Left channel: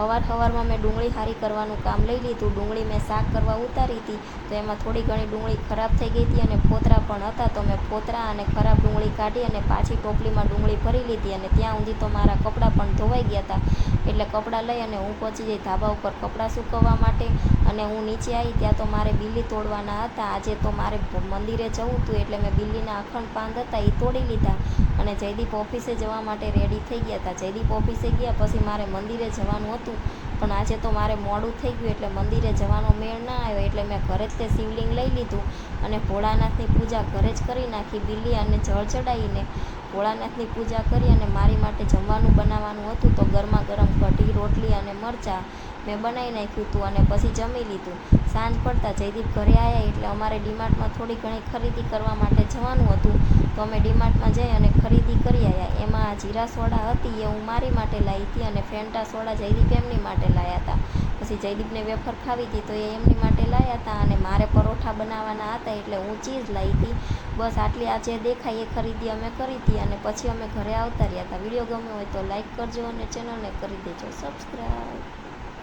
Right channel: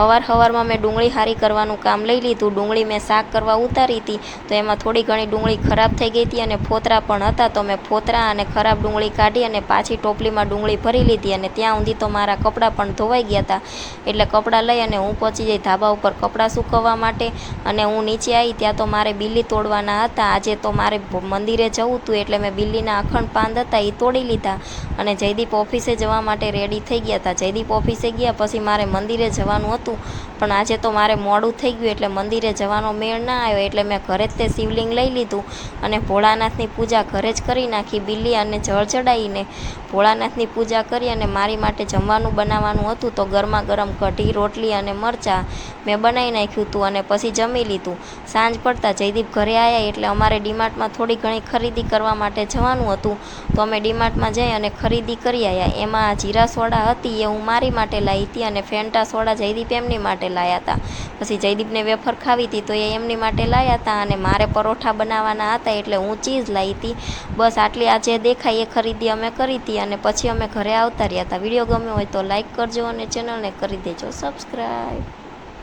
हवार में डूंगળી हारी करवानुं काम लई लीधुं। डूंगળી मैं शाक करवा उतारी हती तो एमां थोड़ी घणी डूंगળી खराब थई गई हती अने फोतरा पण हता, तो मैं फोतरा अने खराब डूंगળી काढी अने पाછી टोपलीमां डूंगળી भरी लीधी अने त्यां सुधी तो मारा कपड़ा पण धोवाई गया हता। एटले कपड़ा लई अने हूँ पहोंची जई धाबा उपर कपड़ा सूकववा माटे अने हूँ नीचे आई त्यां तो मारे बिल्ली तोड़वाना हता। आजे तो मारे मंदिरे जवुं हतुं एटले मैं बिल्लीना अखंड पान हता ए तोड़ी लीधा अने जयदीप ऑफिसे जवा माटे रेडी थई गया हता। जयदीप ऑफिसे गया पछी मारे मंदिरे जवानुं हतुं पण आजे तो मारे मोडुं थई गयुं एटले मंदिरे जवानो मेळ ना आव्यो। एटले मैं घरे ज ते शिवलिंग लई लीधुं अने भोळानाथनी पूजा घरे ज करी नाखी। बिल्ली अने जळ चढ़ाईने भोळानाथनी पूजा करी अने मारी माटे जमवानुं बनाववानुं हतुं तो गरमा गरम कढ़ी रोटली अने मरचा मैं बनावी नाख्युं हतुं अने पछी जमी लीधुं। सांज पड़ता जयदीप घरे आव्या एटले अमारे डीमार्टमां थोड़ी घणी खरीदी करवा माटे जवानुं हतुं तो अमे डीमार्टमां जई अने खरीदी करी आव्या। एमां जीरा सोडा हती ए हूँ मारी माटे लाई हती अने फेंटा सोडा जयदीप एमनी माटे लाया हता। पछी जयदीपने वेफर खावी हती तो ए एमनी माटे लाया हता अने मारे परोठा बनाववाना हता एटले हूँ चीज लाई हती। बस आटली आज देखाय ए खरीदी अमे करी हती अने पछी अमे घरे आवता रह्या हता। विडियो गम्यो होय तो लाइक करजो अने चेनलने करी देजो सब्सक्राइब।